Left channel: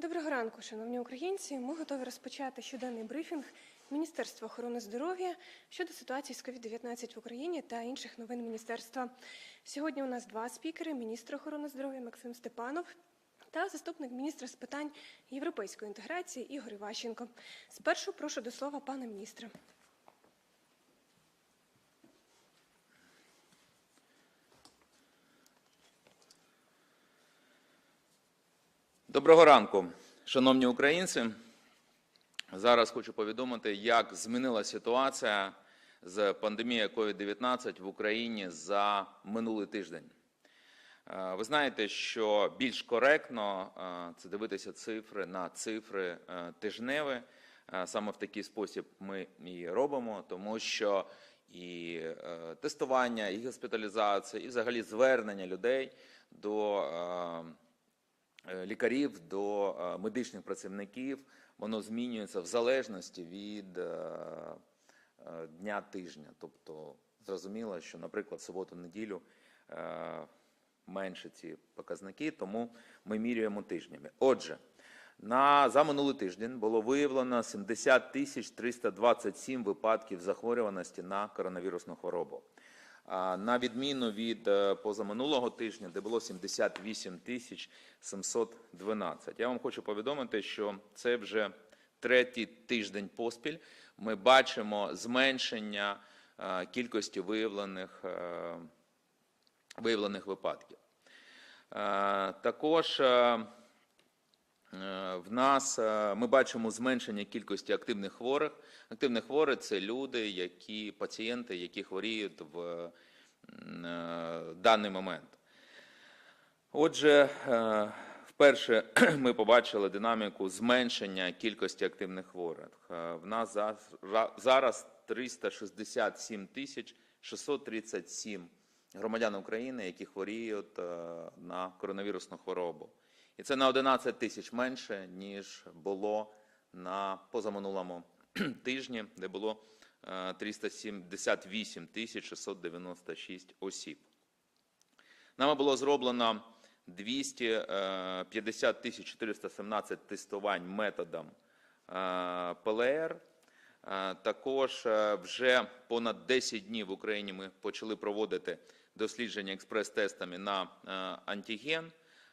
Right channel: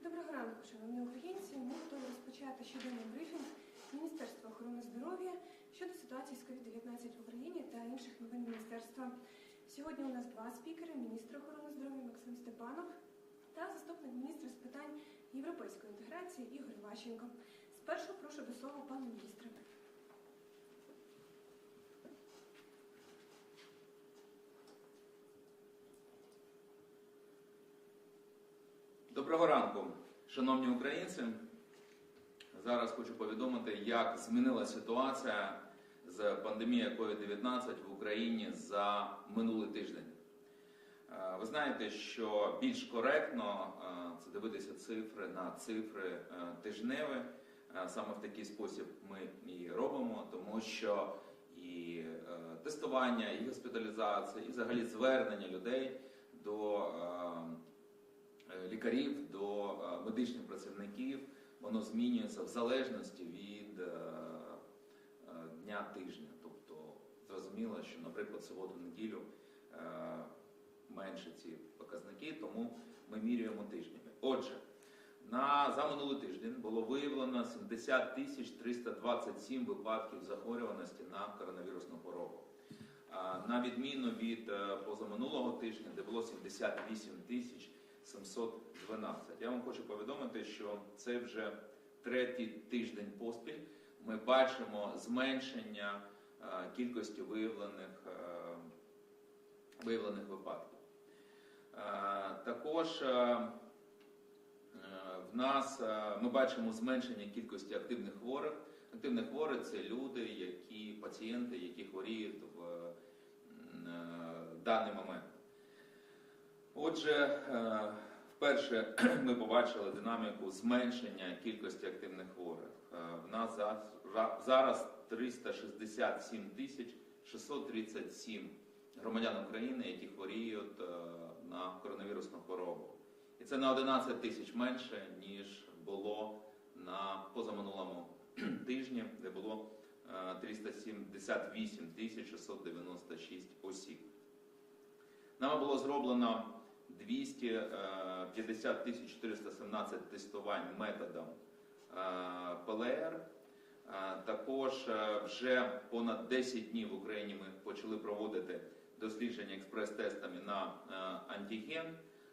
Доброго ранку, шановні українці. Ми готові розпочати щоденний брифінг Міністерства охорони здоров'я щодо ситуації з COVID-19 в Україні та інших новин міністерства. Сьогодні у нас два спікери: міністр охорони здоров'я Максим Степанов та заступник міністра з питань європейської інтеграції Ігор Іващенко. Спершу прошу до слова пана міністра. Доброго ранку, шановні українці. Зараз хочу повідомити, як змінилася ситуація з пандемією COVID-19 в Україні за минулий тиждень. Е, Ви знаєте, що більш коректно е, це дивитися цифри на цифри е, тижневі. Саме в такий спосіб ми і робимо, тому що і тестування, і госпіталізація, і взагалі звернення людей до лікарів до е, медичних працівників, воно змінюється в залежності від е, е, дня тижня. Тобто зрозуміло, що, наприклад, суботу-неділю е, менше ці показники, тому ми міряємо тижнями. Отже, на за минулий тиждень було виявлено 70 тисяч 327 випадків захворюваності на коронавірусну хворобу. На відміну від е, позаминулого тижня, де було 78 тисяч 712. Я вам хочу повідомити, що це вже третій тиждень поспіль. Ми бачимо зменшення е, кількості виявлених, е, виявлених випадків. Е, Також В нас ми бачимо зменшення кількості активних хворих. Активні хворі це люди, які пацієнти, які хворіють в даний момент. Отже, е, вперше ми побачили динаміку зменшення кількості активних хворих. Е, В нас за- зараз 367 тисяч 637 громадян України, які хворіють е, на коронавірусну хворобу. І це на 11 тисяч менше, ніж було на позаминулому тижні, де було е, 378 тисяч 696 осіб. Нами було зроблено 250 тисяч 417 тестувань методом е, ПЛР. Е, Також е, вже понад 10 днів в Україні ми почали проводити дослідження експрес-тестами на е, антиген.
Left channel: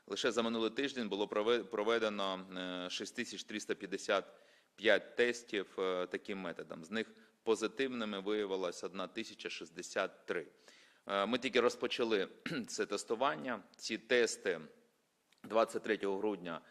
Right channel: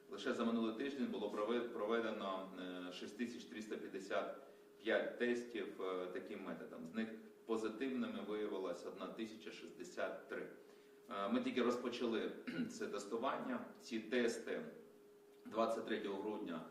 Лише за минулий тиждень було прове- проведено е, 6355 тестів е, таким методом. З них позитивними виявилось 1063. Е, Ми тільки розпочали це тестування. Ці тести 23 грудня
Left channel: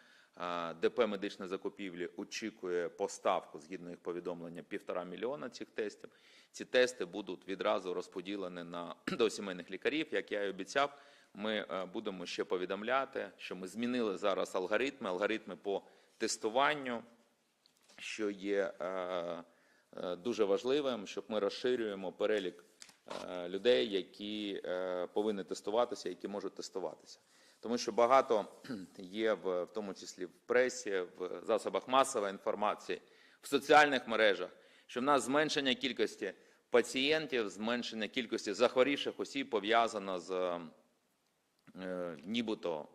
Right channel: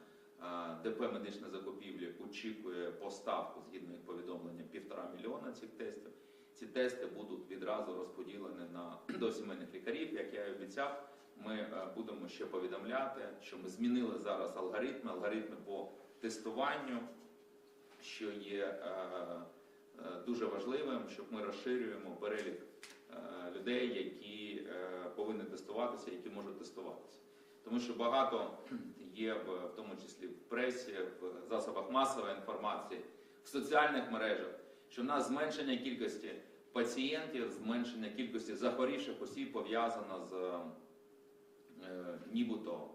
е, ДП медичної закупівлі очікує поставку згідно їх повідомлення півтора мільйона цих тестів. Ці тести будуть відразу розподілені на до сімейних лікарів. Як я і обіцяв, ми е, будемо ще повідомляти, що ми змінили зараз алгоритми, алгоритми по тестуванню, що є дуже важливим, щоб ми розширюємо перелік людей, які е, повинні тестуватися, які можуть тестуватися. Тому що багато є в, в тому числі в пресі, в засобах масової інформації, в соціальних мережах, що в нас зменшення кількості пацієнтів, зменшення кількості захворівших осіб пов'язано з е, нібито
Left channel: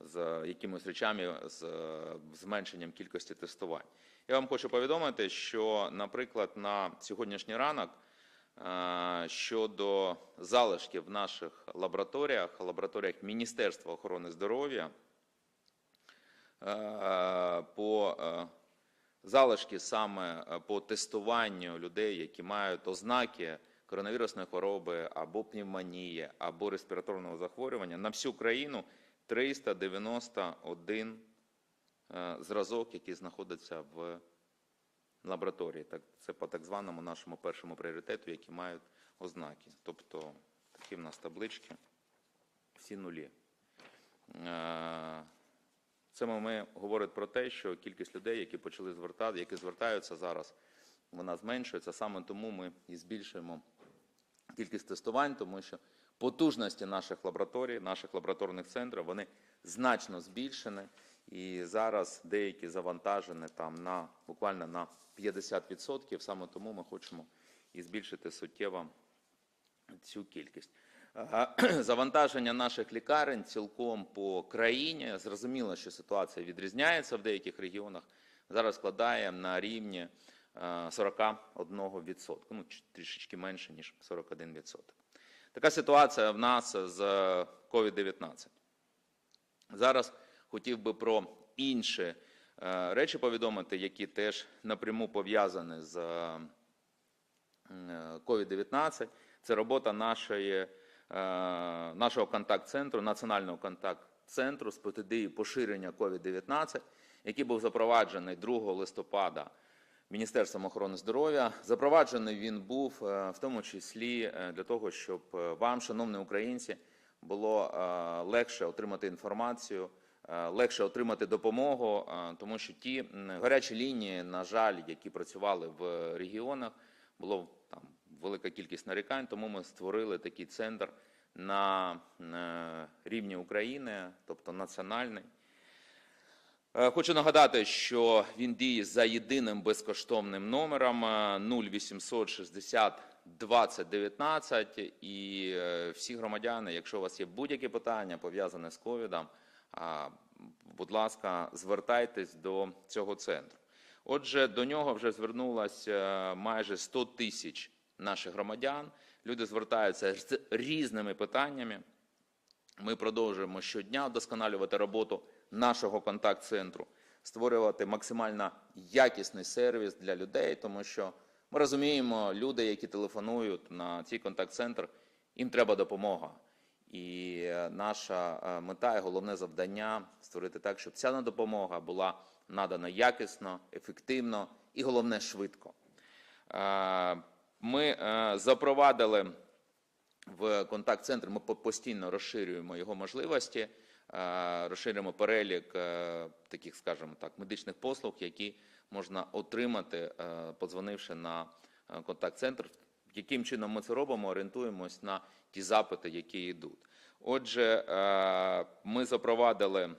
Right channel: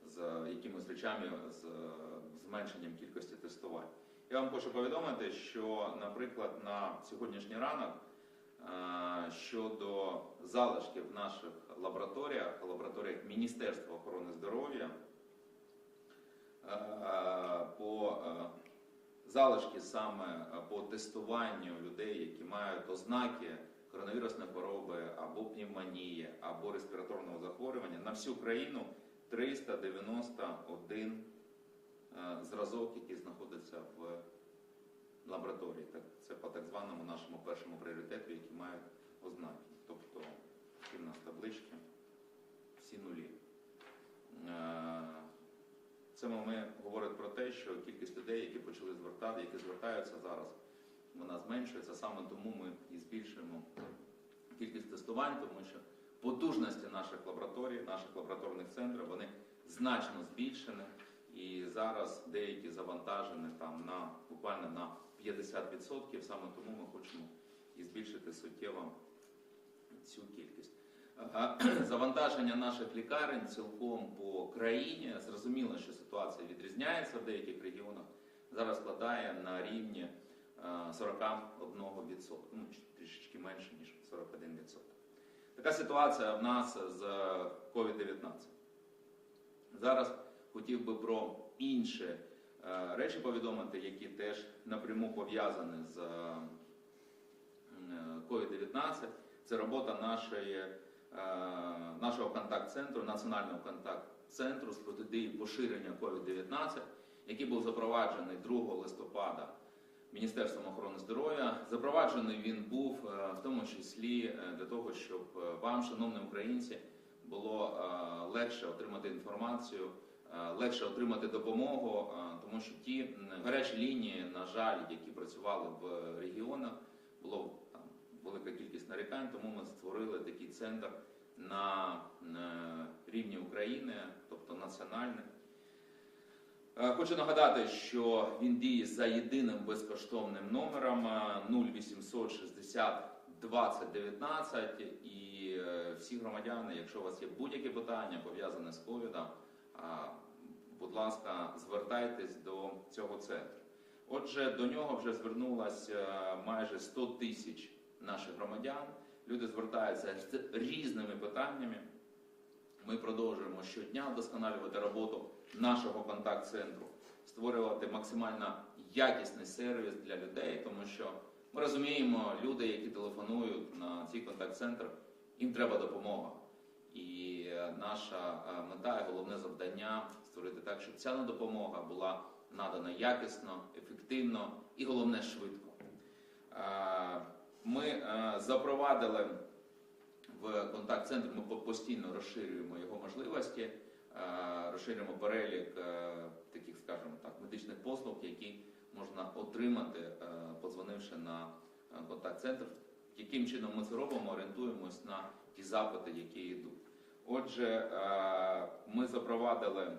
з якимись речами з е, зменшенням кількості тестувань. Я вам хочу повідомити, що, наприклад, на сьогоднішній ранок е, щодо залишків в наших лабораторіях, лабораторіях Міністерства охорони здоров'я, по залишки саме по тестуванню людей, які мають ознаки коронавірусної хвороби або пневмонії, або респіраторного захворювання, на всю країну 391 е, зразок, який знаходиться в лабораторії. Так, це по так званому нашому першому пріоритету, які мають ознаки. Тобто такі в нас таблички, всі нулі. Е, це ми говорить про те, що кількість людей, які почали звертати, які звертаються зараз, вона зменшується. Саме тому ми і збільшуємо кількість тестувань, тому що потужності наших лабораторій, наших лабораторних центрів, вони значно збільшені. І зараз деякі завантажені там на буквально на 50%. Саме тому ми хочемо і збільшити суттєво цю кількість. Е, Завантаження наших лікарень цілком по країні. Зрозуміло, що ситуація відрізняється в деяких регіонах. Зараз складає на рівні е, 41%, ну трішечки менше, ніж 41%. Така ситуація в нас з COVID-19. Зараз хотів би про інші е, речі повідомити, які теж напряму пов'язані з е, COVID-19. Це робота нашої, е, нашого контакт-центру, національного контакт-центру з протидії поширення COVID-19, який був запроваджений 2 листопада Міністерством охорони здоров'я. Запроваджений він був в тому числі для того, щоб вам, шановні українці, було легше отримати інформацію, легше отримати допомогу, е, тому що ті гарячі лінії, на жаль, які працювали в регіонах, було там велика кількість нарікань, тому ми створили такий центр на е, рівні України, тобто національний. Е, Хочу нагадати, що він діє за єдиним безкоштовним номером е, 0800 60 20 19 і е, всі громадяни, якщо у вас є будь-які питання пов'язані з ковідом, будь ласка, звертайтесь до цього центру. Отже, до нього вже звернулось е, майже 100 тисяч наших громадян. Люди звертаються з різними питаннями. Ми продовжуємо щодня вдосконалювати роботу нашого контакт-центру, створювати максимально якісний сервіс для людей, тому що ми розуміємо, люди, які телефонують на цей контакт-центр, їм треба допомога. І е, наша е, мета і головне завдання створити так, щоб ця допомога була надана якісно, ефективно і головне швидко. Е, Ми запровадили в контакт-центр ми постійно розширюємо його можливості, розширюємо перелік таких, скажімо так, медичних послуг, які можна отримати, подзвонивши на контакт-центр. Яким чином ми це робимо? Орієнтуємось на ті запити, які йдуть. Отже, е, ми запровадили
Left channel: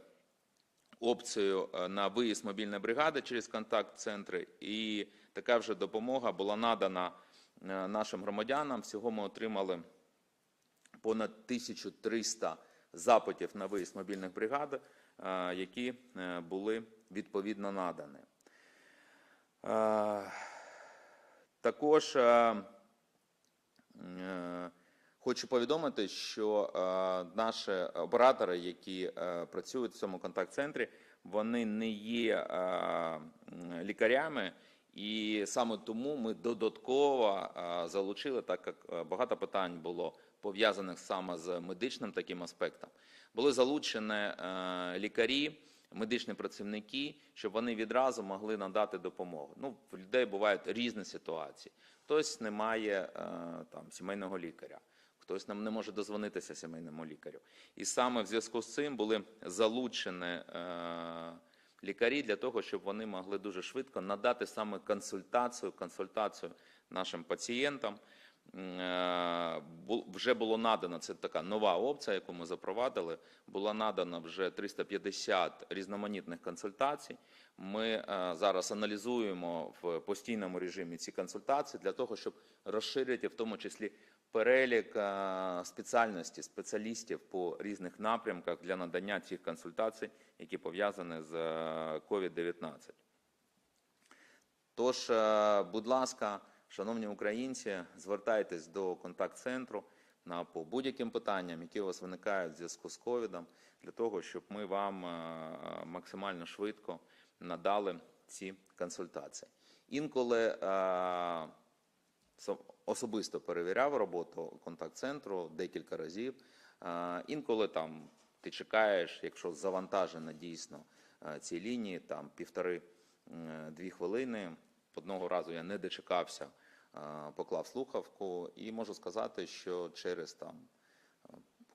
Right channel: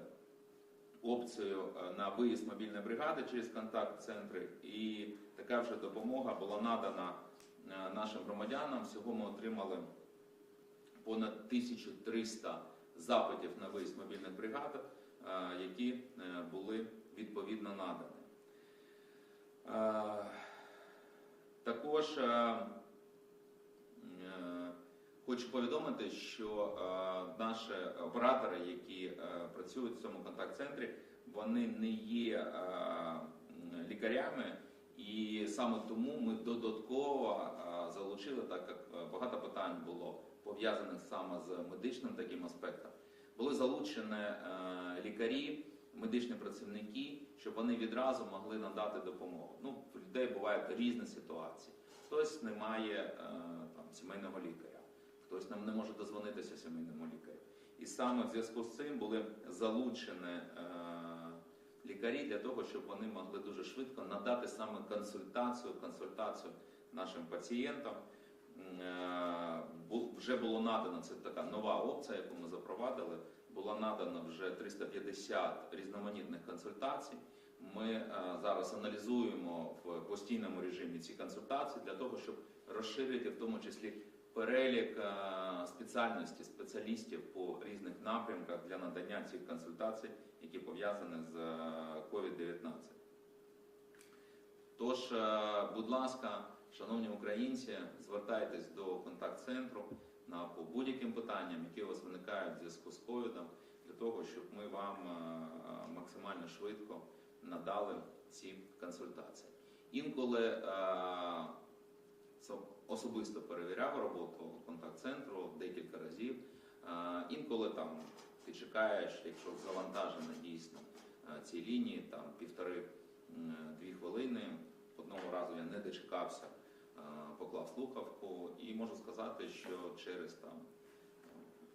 опцію е, на виїзд мобільної бригади через контакт-центри, і така вже допомога була надана е, нашим громадянам. Всього ми отримали понад 1300 запитів на виїзд мобільних бригад, які були відповідно надані. Також хочу повідомити, що е, наші оператори, які е, працюють в цьому контакт-центрі, вони не є е, лікарями, і саме тому ми додатково залучили, так як багато питань було пов'язаних саме з медичним таким аспектом, були залучені лікарі, медичні працівники, щоб вони відразу могли надати допомогу. Ну, в людей бувають різні ситуації. Хтось не має там сімейного лікаря, хтось нам не може дозвонитися сімейному лікарю. І саме в зв'язку з цим були залучені е, лікарі для того, щоб вони могли дуже швидко надати саме консультацію, консультацію нашим пацієнтам. Е, Вже було надано це така нова опція, яку ми запровадили. Було надано вже 350 різноманітних консультацій. Ми е, зараз аналізуємо в постійному режимі ці консультації для того, щоб розширити в тому числі перелік е, спеціальності спеціалістів по різних напрямках для надання цих консультацій, які пов'язані з е, COVID-19. Тож, е, будь ласка, шановні українці, звертайтесь до контакт-центру на по будь-яким питанням, які у вас виникають в зв'язку з ковідом, для того, щоб ми вам максимально швидко надали ці консультації. Інколи особисто перевіряв роботу контакт-центру декілька разів. Інколи там ти чекаєш, якщо завантажено дійсно ці лінії, там півтори-дві хвилини. Одного разу я не дочекався, поклав слухавку, і можу сказати, що через там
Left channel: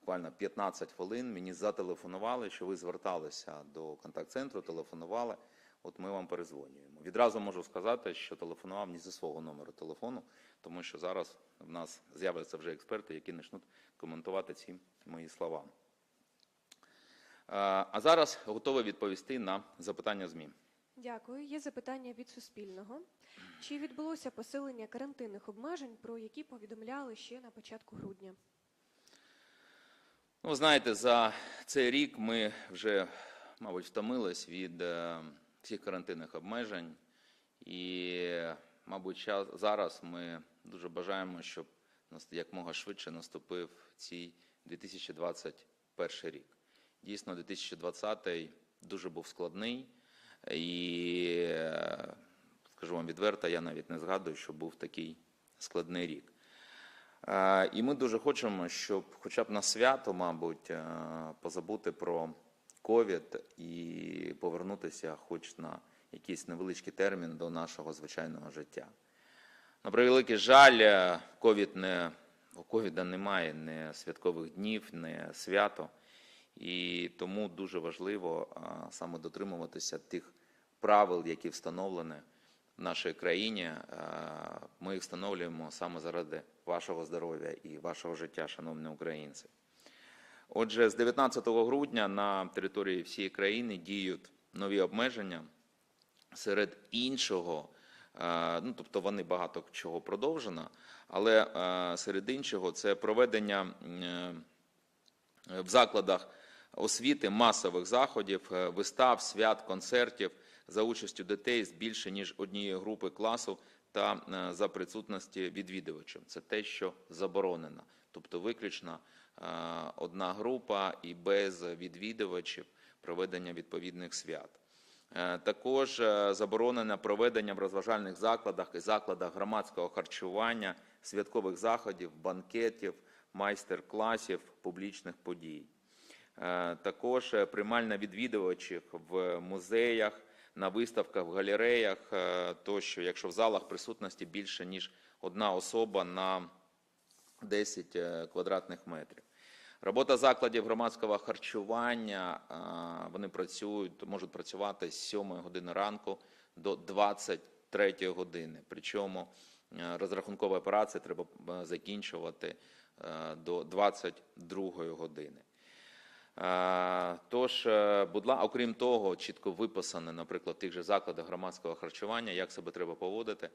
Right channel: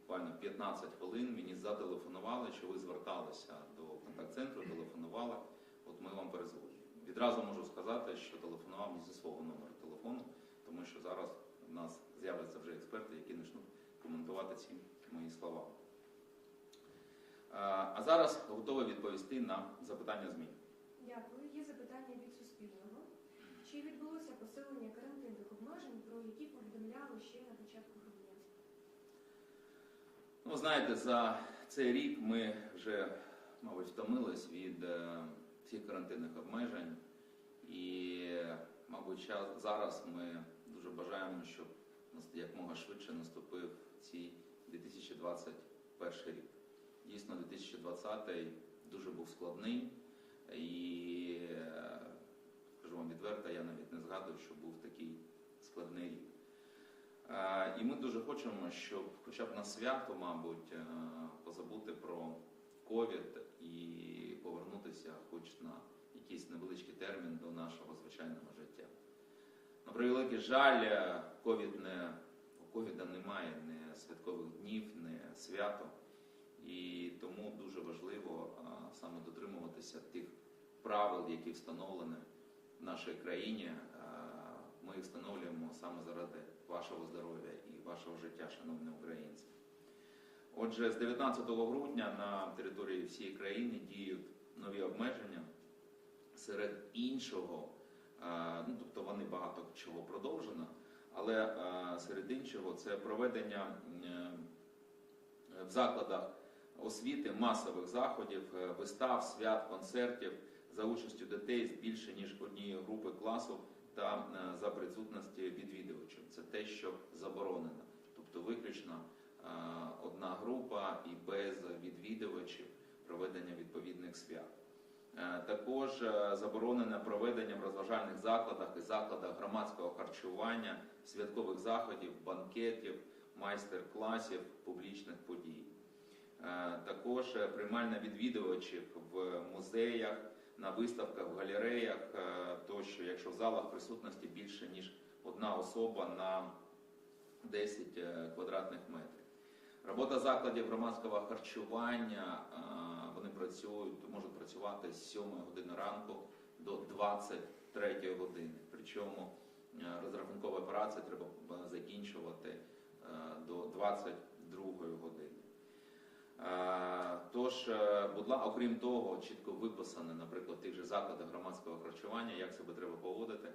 буквально 15 хвилин мені зателефонували, що ви зверталися до контакт-центру, телефонували. От ми вам перезвонюємо. Відразу можу сказати, що телефонував не зі свого номеру телефону, тому що зараз в нас з'являться вже експерти, які почнуть коментувати ці мої слова. А зараз готовий відповісти на запитання ЗМІ. Дякую. Є запитання від Суспільного. Чи відбулося посилення карантинних обмежень, про які повідомляли ще на початку грудня? Ну, знаєте, за цей рік ми вже, мабуть, втомились від е, всіх карантинних обмежень. І, мабуть, зараз ми дуже бажаємо, щоб якмога швидше наступив цей 2021 рік. Дійсно, 2020 дуже був складний. І е, скажу вам відверто, я навіть не згадую, що був такий складний рік. Е, І ми дуже хочемо, щоб хоча б на свято, мабуть, е, позабути про ковід і повернутися хоч на якийсь невеличкий термін до нашого звичайного життя. На превеликий жаль, е, ковід не у ковіда немає ні святкових днів, ні свято. І тому дуже важливо саме дотримуватися тих правил, які встановлені в нашій країні. Е, Ми їх встановлюємо саме заради вашого здоров'я і вашого життя, шановні українці. Отже, з 19 грудня на території всієї країни діють нові обмеження. Серед іншого, е, ну тобто вони багато чого продовжено, але е, серед іншого це проведення е, в закладах освіти масових заходів, вистав, свят, концертів за участю дітей з більше ніж однієї групи класу та за присутності відвідувачів. Це те, що заборонено, тобто виключно одна група і без відвідувачів проведення відповідних свят. Е, Також е, заборонено проведення в розважальних закладах і закладах громадського харчування, святкових заходів, банкетів, майстер-класів, публічних подій. Е, Також приймальна відвідувачів в музеях, на виставках, в галереях тощо, якщо в залах присутності більше ніж одна особа на 10 е, квадратних метрів. Робота закладів громадського харчування, е, вони працюють, можуть працювати з 7 години ранку до 23 години. Причому розрахункова розрахункові операції треба е, закінчувати е, до 22 години. Е, Тож, е, будь ласка, окрім того, чітко виписано, наприклад, в тих же закладах громадського харчування, як себе треба поводити,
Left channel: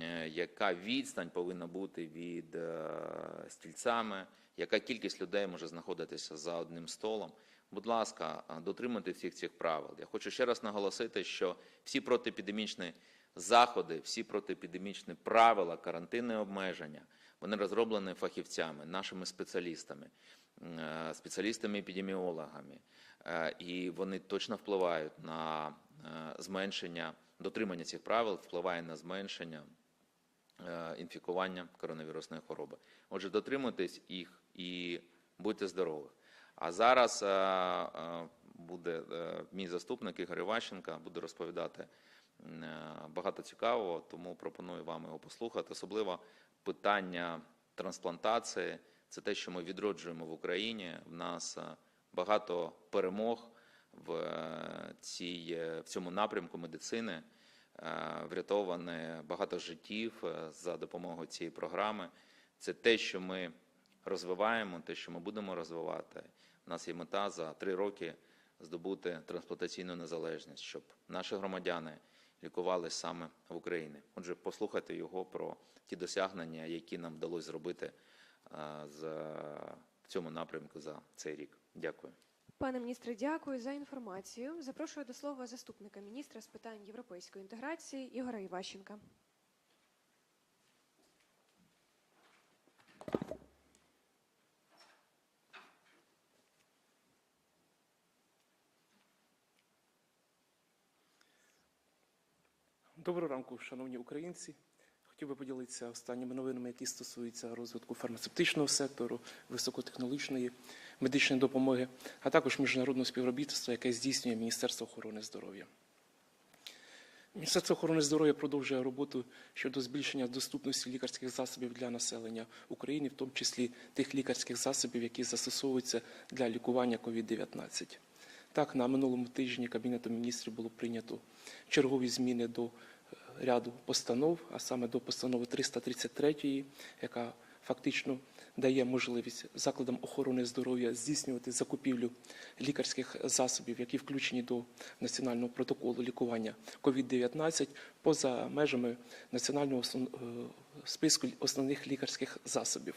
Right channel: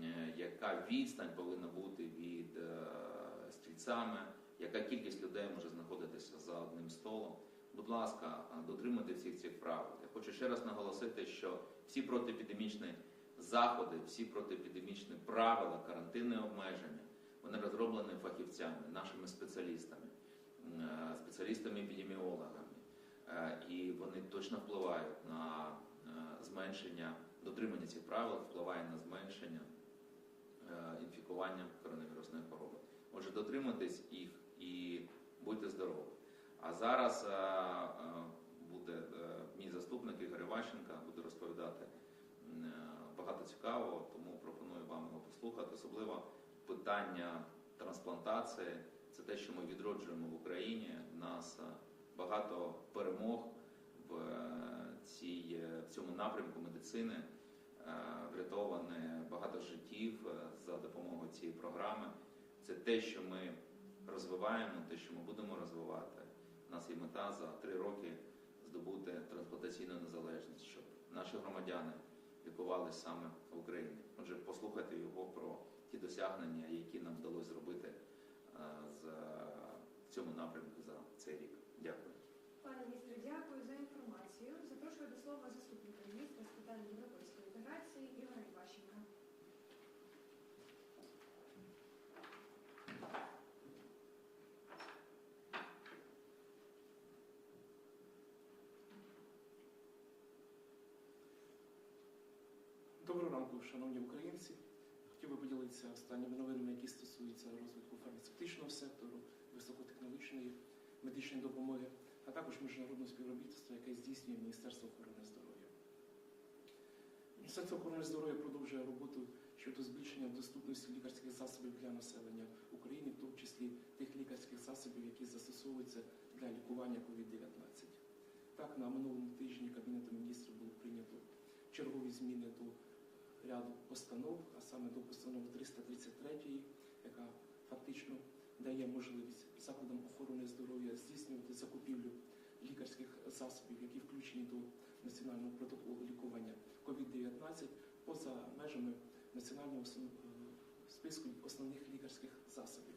е, яка відстань повинна бути від стільцями, яка кількість людей може знаходитися за одним столом. Будь ласка, дотримуйте всіх цих правил. Я хочу ще раз наголосити, що всі протиепідемічні заходи, всі протиепідемічні правила, карантинні обмеження, вони розроблені фахівцями, нашими спеціалістами спеціалістами-епідеміологами, Е, і вони точно впливають на е, зменшення дотримання цих правил, впливає на зменшення е, інфікування коронавірусної хвороби. Отже, дотримуйтесь їх і будьте здорові. А зараз е, е, буде е, мій заступник Ігор Іващенко, буде розповідати е, багато цікавого, тому пропоную вам його послухати. Особливо питання трансплантації. Це те, що ми відроджуємо в Україні. В нас е, багато перемог в, е, цій, е, в цьому напрямку медицини. Врятоване багато життів за допомогою цієї програми. Це те, що ми розвиваємо, те, що ми будемо розвивати. У нас є мета за три роки здобути трансплантаційну незалежність, щоб наші громадяни лікувалися саме в Україні. Отже, послухайте його про ті досягнення, які нам вдалося зробити е, з, в цьому напрямку за цей рік. Дякую. Пане міністре, дякую за інформацію. Запрошую до слова заступника міністра з питань європейської інтеграції Ігоря Іващенка. Доброго ранку, шановні українці. Хотів би поділитися останніми новинами, які стосуються розвитку фармацевтичного сектору, високотехнологічної медичної допомоги, а також міжнародного співробітництва, яке здійснює Міністерство охорони здоров'я. Міністерство охорони здоров'я продовжує роботу щодо збільшення доступності лікарських засобів для населення України, в тому числі тих лікарських засобів, які застосовуються для лікування COVID-19. Так, на минулому тижні Кабінетом міністрів було прийнято чергові зміни до ряду постанов, а саме до постанови 333, яка фактично дає можливість закладам охорони здоров'я здійснювати закупівлю лікарських засобів, які включені до національного протоколу лікування COVID-19 поза межами національного е, списку основних лікарських засобів.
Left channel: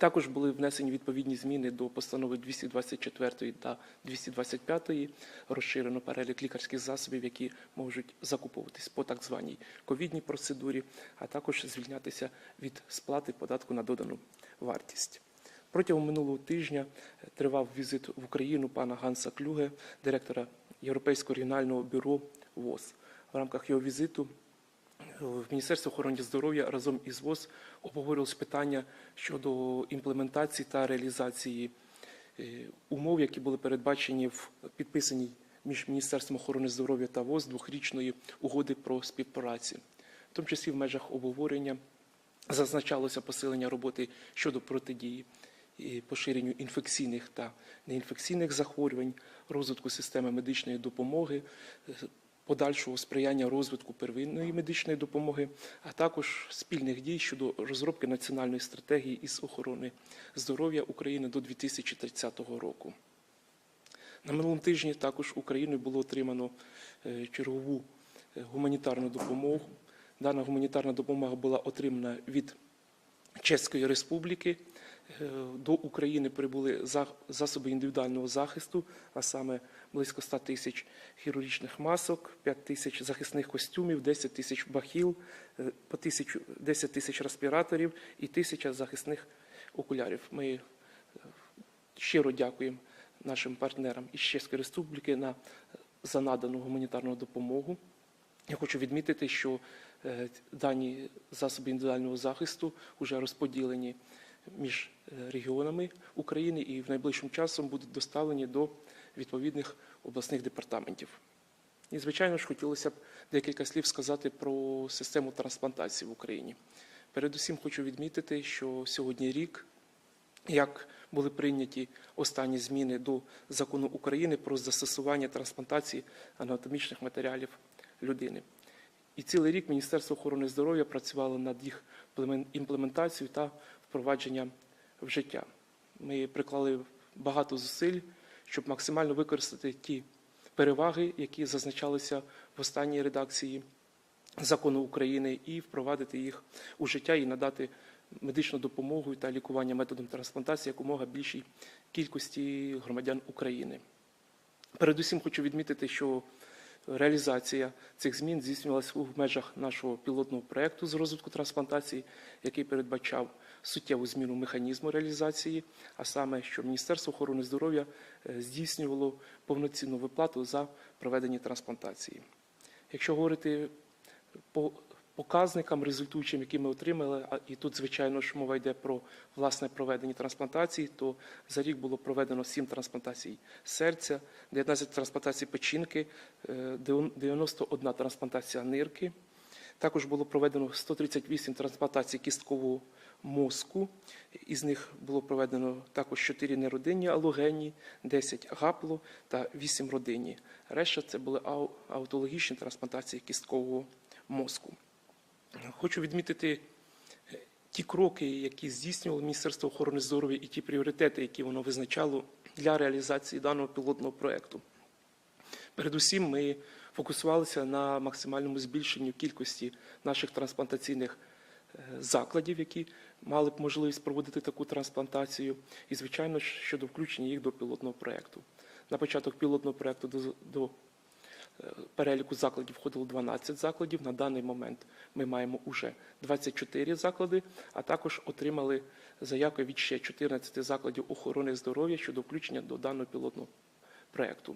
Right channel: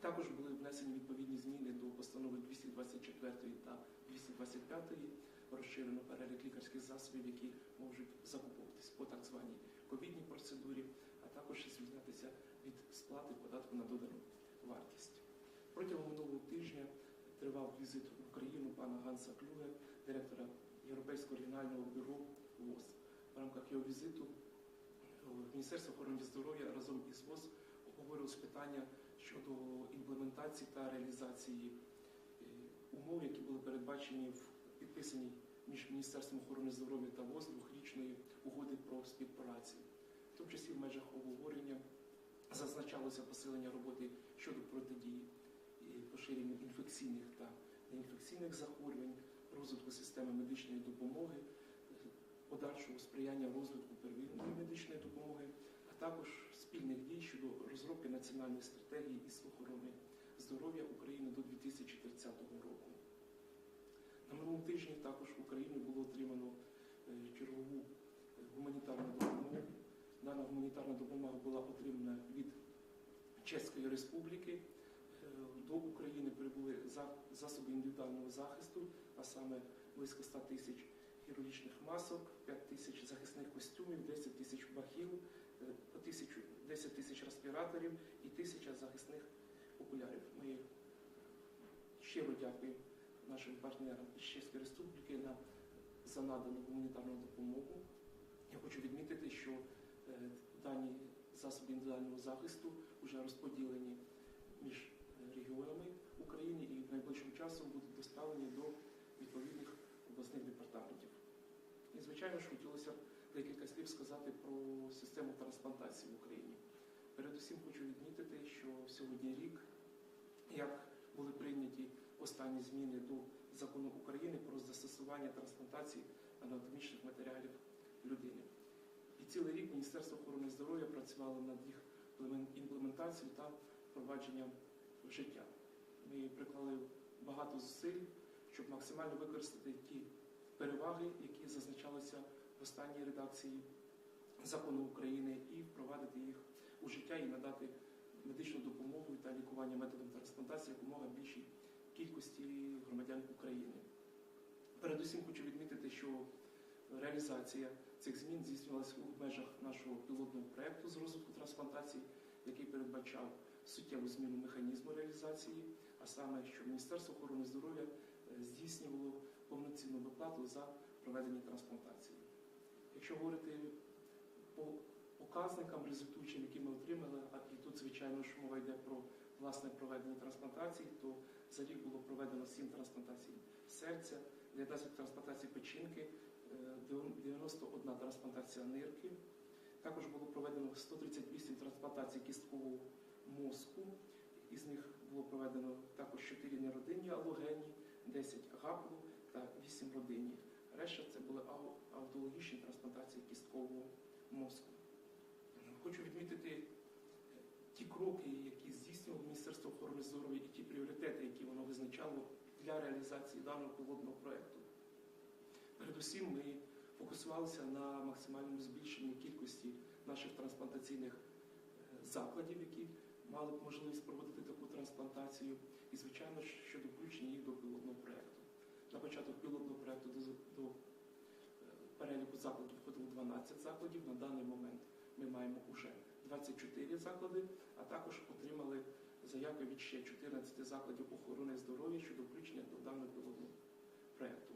Також були внесені відповідні зміни до постанови 224 та 225, розширено перелік лікарських засобів, які можуть закуповуватись по так званій ковідній процедурі, а також звільнятися від сплати податку на додану вартість. Протягом минулого тижня тривав візит в Україну пана Ганса Клюге, директора Європейського регіонального бюро ВОЗ. В рамках його візиту е, в Міністерство охорони здоров'я разом із ВОЗ обговорювалось питання щодо імплементації та реалізації е, умов, які були передбачені в підписаній між Міністерством охорони здоров'я та ВОЗ двохрічної угоди про співпрацю. В тому числі в межах обговорення зазначалося посилення роботи щодо протидії і поширенню інфекційних та неінфекційних захворювань, розвитку системи медичної допомоги, е, подальшого сприяння розвитку первинної медичної допомоги, а також спільних дій щодо розробки національної стратегії із охорони здоров'я України до 2030 року. На минулому тижні також Україною було отримано е, чергову е, гуманітарну допомогу. Дана гуманітарна допомога була отримана від Чеської Республіки. Е, До України прибули засоби індивідуального захисту, а саме близько 100 тисяч хірургічних масок, 5 тисяч захисних костюмів, 10 тисяч бахіл, е, по тисячу, 10 тисяч респіраторів і тисяча захисних окулярів. Ми е, щиро дякуємо нашим партнерам із Чеської Республіки на, за надану гуманітарну допомогу. Я хочу відмітити, що е, дані засоби індивідуального захисту вже розподілені між е, регіонами України і в найближчим часом будуть доставлені до відповідних обласних департаментів. І, звичайно ж, хотілося б декілька слів сказати про систему трансплантації в Україні. Передусім хочу відмітити, що сьогодні рік, як були прийняті останні зміни до закону України про застосування трансплантації анатомічних матеріалів людини. І цілий рік Міністерство охорони здоров'я працювало над їх племен- імплементацією та впровадженням в життя. Ми приклали багато зусиль, щоб максимально використати ті переваги, які зазначалися в останній редакції закону України, і впровадити їх у життя і надати медичну допомогу та лікування методом трансплантації якомога більшій кількості громадян України. Передусім хочу відмітити, що реалізація цих змін здійснювалася у межах нашого пілотного проєкту з розвитку трансплантації, який передбачав суттєву зміну механізму реалізації, а саме, що Міністерство охорони здоров'я е, здійснювало повноцінну виплату за проведення трансплантації. Якщо говорити по показникам результуючим, які ми отримали, і тут, звичайно ж, мова йде про власне проведення трансплантацій, то за рік було проведено 7 трансплантацій серця, 19 трансплантацій печінки, е, 91 трансплантація нирки. Також було проведено 138 трансплантацій кісткового мозку. Із них було проведено також 4 неродинні алогенні, 10 гапло та 8 родинні. Решта це були аутологічні трансплантації кісткового мозку. Хочу відмітити е, ті кроки, які здійснювало Міністерство охорони здоров'я, і ті пріоритети, які воно визначало для реалізації даного пілотного проекту. Передусім, ми фокусувалися на максимальному збільшенню кількості наших трансплантаційних е, закладів, які мали б можливість проводити таку трансплантацію, і, звичайно щодо включення їх до пілотного проекту. На початок пілотного проекту до, до е, переліку закладів входило 12 закладів. На даний момент ми маємо уже 24 заклади, а також отримали заявки від ще 14 закладів охорони здоров'я щодо включення до даного пілотного проекту.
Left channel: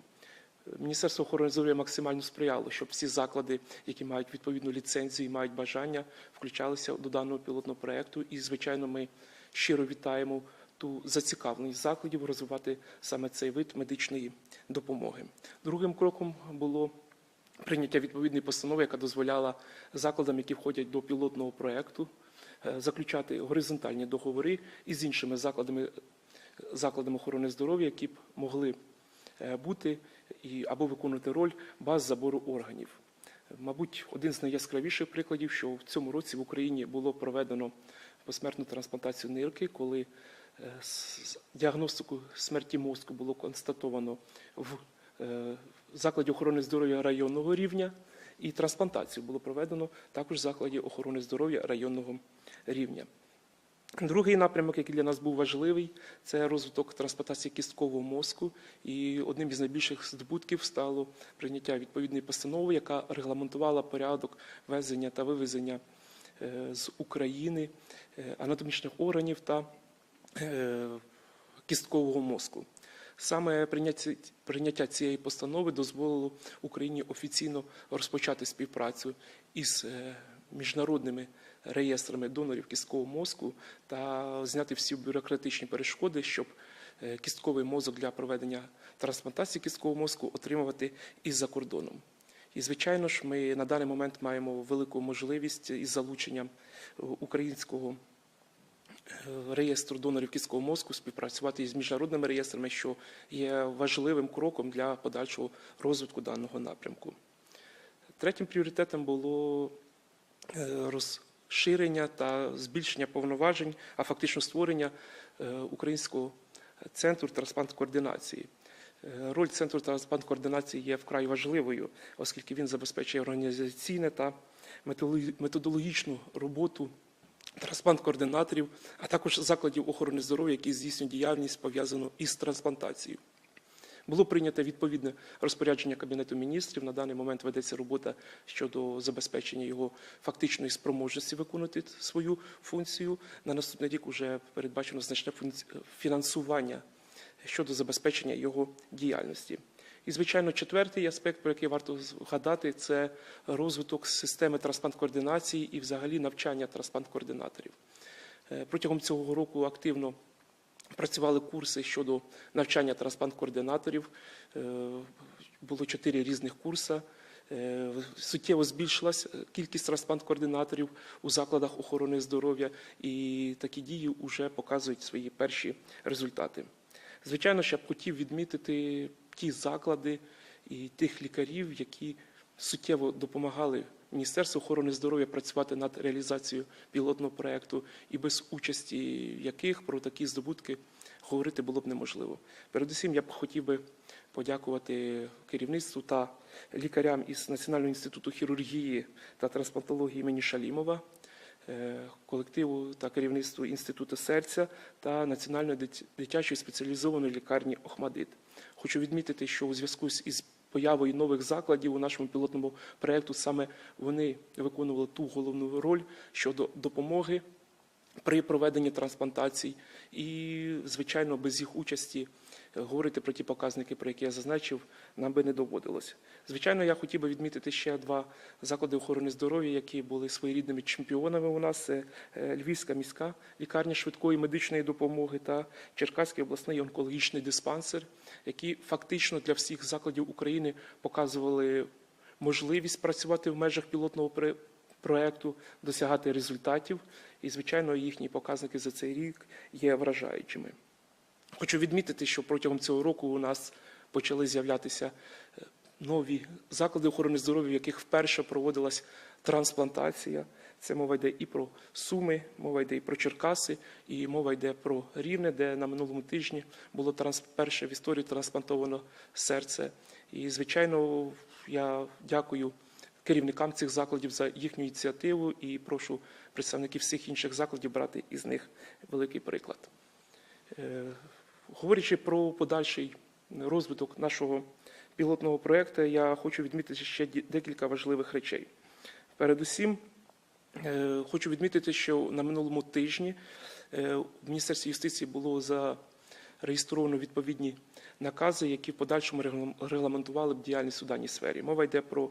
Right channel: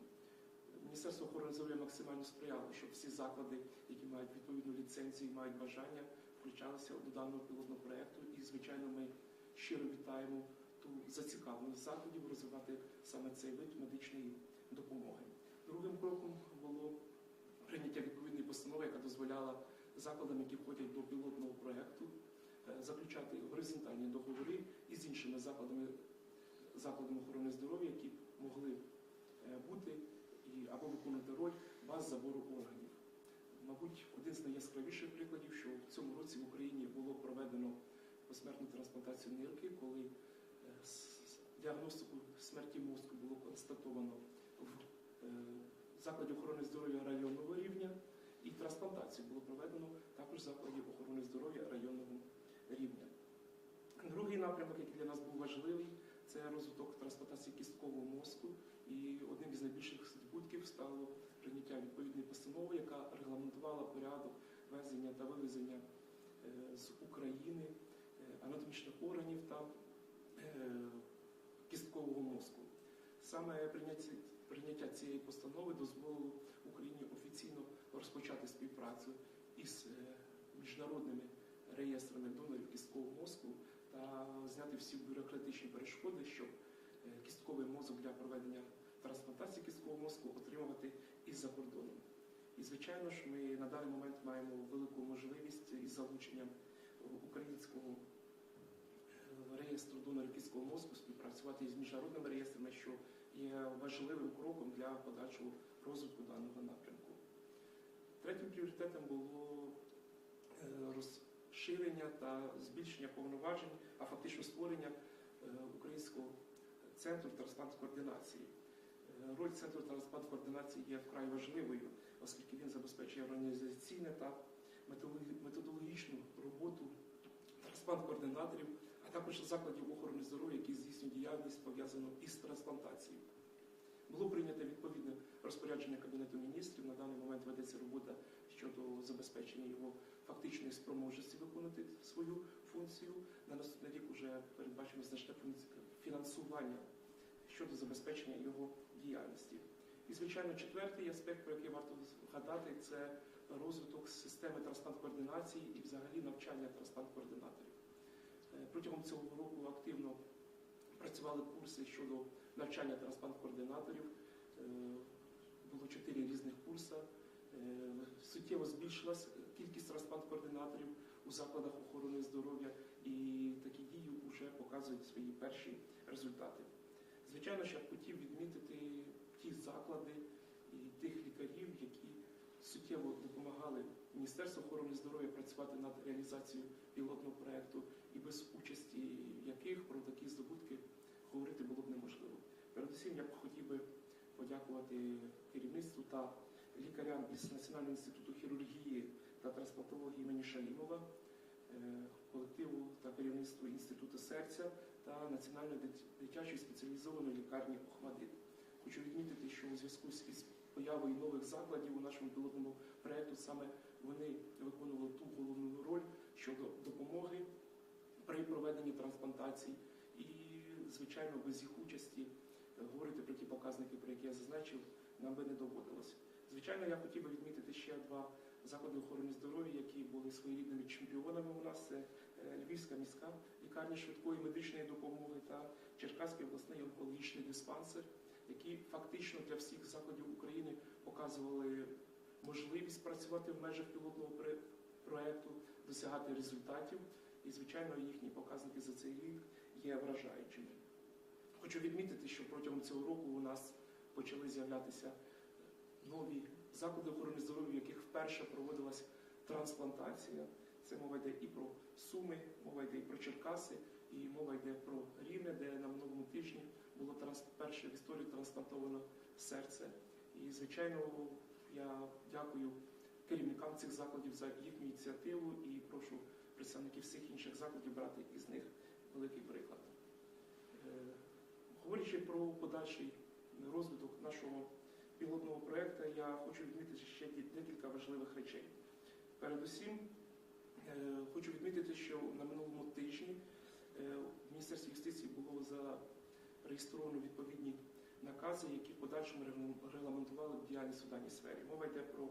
Міністерство охорони здоров'я максимально сприяло, щоб всі заклади, які мають відповідну ліцензію і мають бажання, включалися до даного пілотного проекту. І, звичайно, ми щиро вітаємо ту зацікавленість закладів розвивати саме цей вид медичної допомоги. Другим кроком було прийняття відповідної постанови, яка дозволяла закладам, які входять до пілотного проекту, е, заключати горизонтальні договори із іншими закладами, закладами охорони здоров'я, які б могли е, бути і або виконувати роль баз забору органів. Мабуть, один з найяскравіших прикладів, що в цьому році в Україні було проведено посмертну трансплантацію нирки, коли е, діагностику смерті мозку було констатовано в е, закладі охорони здоров'я районного рівня, і трансплантацію було проведено також в закладі охорони здоров'я районного рівня. Другий напрямок, який для нас був важливий, це розвиток трансплантації кісткового мозку. І одним із найбільших здобутків стало прийняття відповідної постанови, яка регламентувала порядок везення та вивезення е, з України е, анатомічних органів та е, кісткового мозку. Саме прийняття, цієї постанови дозволило Україні офіційно розпочати співпрацю із міжнародними реєстрами донорів кісткового мозку та зняти всі бюрократичні перешкоди, щоб е, кістковий мозок для проведення трансплантації кісткового мозку отримувати із-за кордоном. І, звичайно ж, ми на даний момент маємо велику можливість із залученням е, українського е, реєстру донорів кісткового мозку співпрацювати із міжнародними реєстрами, що є важливим кроком для подальшого розвитку даного напрямку. Третім пріоритетом було е, розширення та збільшення повноважень, а фактично створення е, українського центру трансплант-координації. Е, Роль центру трансплант-координації є вкрай важливою, оскільки він забезпечує організаційне та методологічну роботу трансплант-координаторів, а також закладів охорони здоров'я, які здійснюють діяльність пов'язану із трансплантацією. Було прийнято відповідне розпорядження Кабінету міністрів. На даний момент ведеться робота щодо забезпечення його фактичної спроможності виконувати свою функцію. На наступний рік вже передбачено значне фінансування щодо забезпечення його діяльності. І, звичайно, четвертий аспект, про який варто згадати, це розвиток системи трансплант-координації і взагалі навчання трансплант-координаторів. Е, Протягом цього року активно працювали курси щодо навчання трансплант-координаторів. Е, Було чотири різних курси. Е, Суттєво збільшилась е, кількість трансплант-координаторів у закладах охорони здоров'я, і такі дії вже показують свої перші результати. Звичайно, я б хотів відмітити ті заклади і тих лікарів, які суттєво допомагали Міністерству охорони здоров'я працювати над реалізацією пілотного проекту, і без участі яких про такі здобутки говорити було б неможливо. Передусім, я б хотів би подякувати керівництву та лікарям із Національного інституту хірургії та трансплантології імені Шалімова, е, колективу та керівництву інституту серця та Національної дитячої спеціалізованої лікарні Охмадит. Хочу відмітити, що у зв'язку із появою нових закладів у нашому пілотному проєкту саме вони виконували ту головну роль щодо допомоги при проведенні трансплантацій. І, звичайно, без їх участі говорити про ті показники, про які я зазначив, нам би не доводилось. Звичайно, я хотів би відмітити ще два заклади охорони здоров'я, які були своєрідними чемпіонами у нас. Це е, Львівська міська лікарня швидкої медичної допомоги та Черкаський обласний онкологічний диспансер, які фактично для всіх закладів України показували можливість працювати в межах пілотного проекту, досягати результатів. І, звичайно, їхні показники за цей рік є вражаючими. Хочу відмітити, що протягом цього року у нас почали з'являтися е, нові заклади охорони здоров'я, в яких вперше проводилась трансплантація. Це мова йде і про Суми, мова йде і про Черкаси, і мова йде про Рівне, де на минулому тижні було транс... перше в історії трансплантовано серце. І, звичайно, я дякую керівникам цих закладів за їхню ініціативу і прошу представників всіх інших закладів брати із них великий приклад. Е, Говорячи про подальший розвиток нашого пілотного проєкту, я хочу відмітити ще декілька важливих речей. Передусім, хочу відмітити, що на минулому тижні е, в Міністерстві юстиції було зареєстровано відповідні накази, які в подальшому реглам- регламентували б діяльність у даній сфері. Мова йде про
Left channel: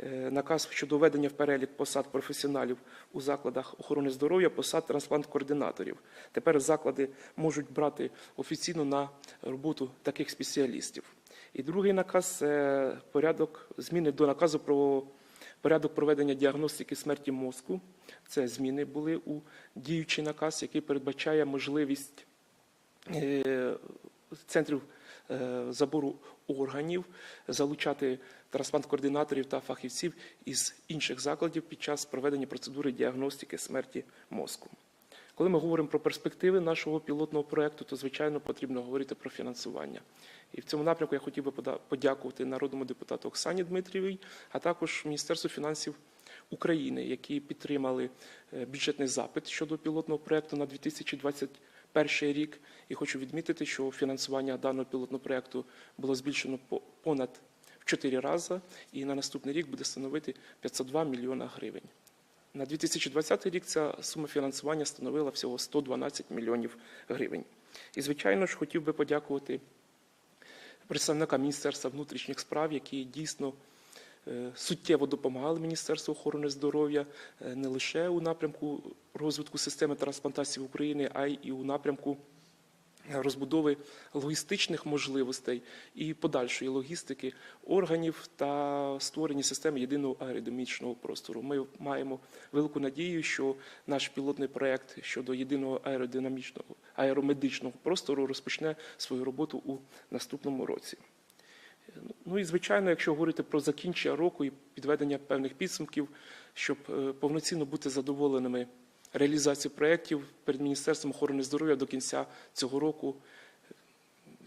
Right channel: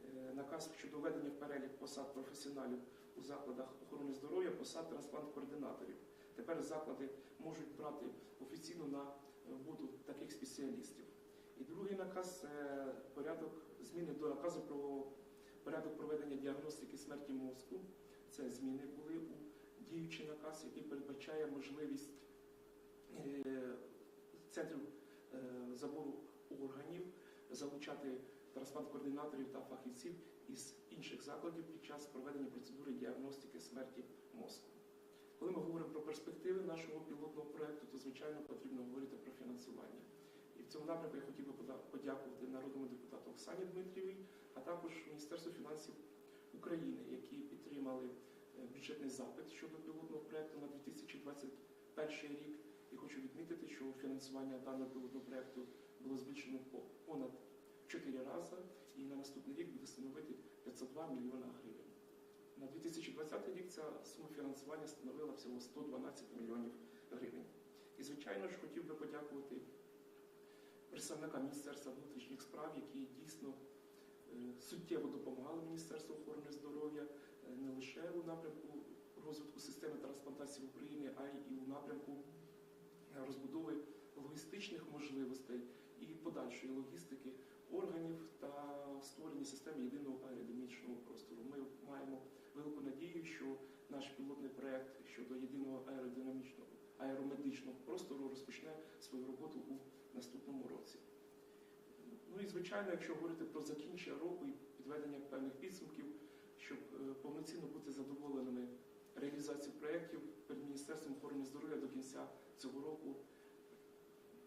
е, наказ щодо введення в перелік посад професіоналів у закладах охорони здоров'я, посад трансплант-координаторів. Тепер заклади можуть брати офіційно на роботу таких спеціалістів. І другий наказ це порядок зміни до наказу про порядок проведення діагностики смерті мозку. Це зміни були у діючий наказ, який передбачає можливість е, центрів е, забору органів залучати трансплант-координаторів та фахівців із інших закладів під час проведення процедури діагностики смерті мозку. Коли ми говоримо про перспективи нашого пілотного проекту, то звичайно потрібно говорити про фінансування. І в цьому напрямку я хотів би подякувати народному депутату Оксані Дмитрієвій, а також Міністерству фінансів України, які підтримали е, бюджетний запит щодо пілотного проекту на 2021 рік. І хочу відмітити, що фінансування даного пілотного проекту було збільшено по понад в 4 рази, і на наступний рік буде становити 502 мільйона гривень. На 2020 рік ця сума фінансування становила всього 112 мільйонів гривень. І, звичайно ж, хотів би подякувати представникам Міністерства внутрішніх справ, які дійсно е, суттєво допомагали Міністерству охорони здоров'я е, не лише у напрямку розвитку системи трансплантації в Україні, а й у напрямку розбудови логістичних можливостей і подальшої логістики органів та створення системи єдиного аеродинамічного простору. Ми маємо велику надію, що наш пілотний проект щодо єдиного аеродинамічного аеромедичного простору розпочне свою роботу у наступному році. Ну і звичайно, якщо говорити про закінчення року і підведення певних підсумків, щоб е, повноцінно бути задоволеними реалізацією проєктів перед Міністерством охорони здоров'я до кінця цього року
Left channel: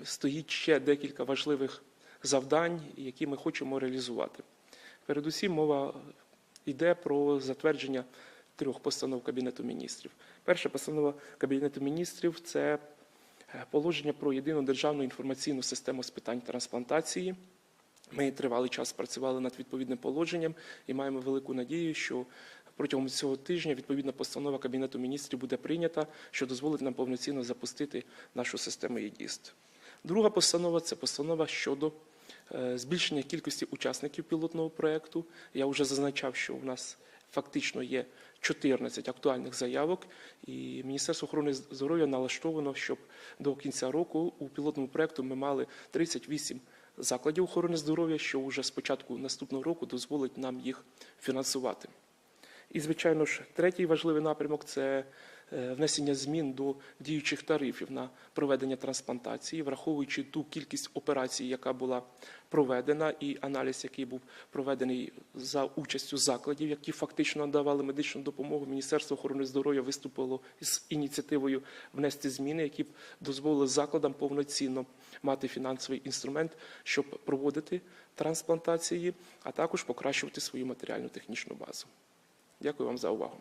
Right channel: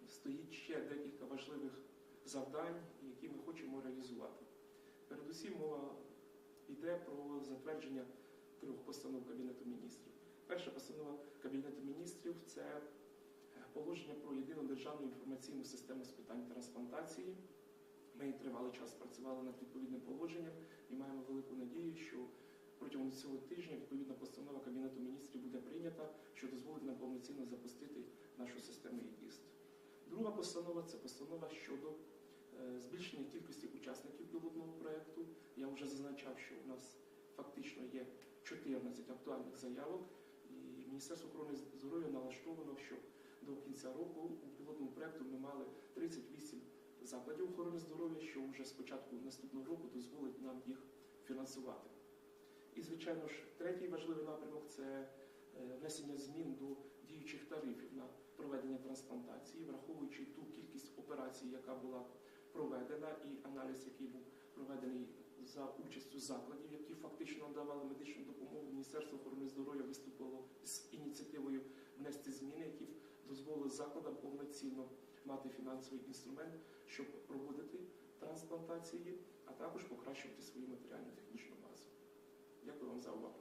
стоїть ще декілька важливих завдань, які ми хочемо реалізувати. Передусім, мова йде про затвердження трьох постанов Кабінету міністрів. Перша постанова Кабінету міністрів це е, положення про єдину державну інформаційну систему з питань трансплантації. Ми тривалий час працювали над відповідним положенням і маємо велику надію, що протягом цього тижня відповідна постанова Кабінету міністрів буде прийнята, що дозволить нам повноцінно запустити нашу систему ЄДІСТ. Друга постанова це постанова щодо е, збільшення кількості учасників пілотного проекту. Я вже зазначав, що у нас фактично є 14 актуальних заявок, і Міністерство охорони здоров'я налаштовано, щоб до кінця року у пілотному проекту ми мали 38 закладів охорони здоров'я, що вже з початку наступного року дозволить нам їх фінансувати. І, звичайно ж, третій важливий напрямок це е, внесення змін до діючих тарифів на проведення трансплантації, враховуючи ту кількість операцій, яка була проведена, і аналіз, який був проведений за участю закладів, які фактично надавали медичну допомогу. Міністерство охорони здоров'я виступило з ініціативою внести зміни, які б дозволили закладам повноцінно мати фінансовий інструмент, щоб проводити трансплантації, а також покращувати свою матеріально-технічну базу. Дякую вам за увагу.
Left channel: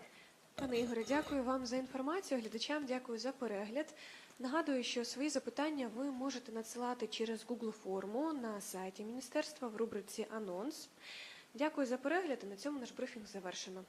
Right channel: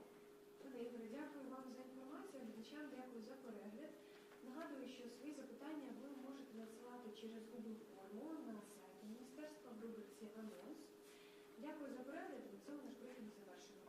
Пане Ігоре, дякую вам за інформацію. Глядачам дякую за перегляд. Нагадую, що свої запитання ви можете надсилати через Google форму на сайті міністерства в рубриці Анонс. Дякую за перегляд. і На цьому наш брифінг завершено.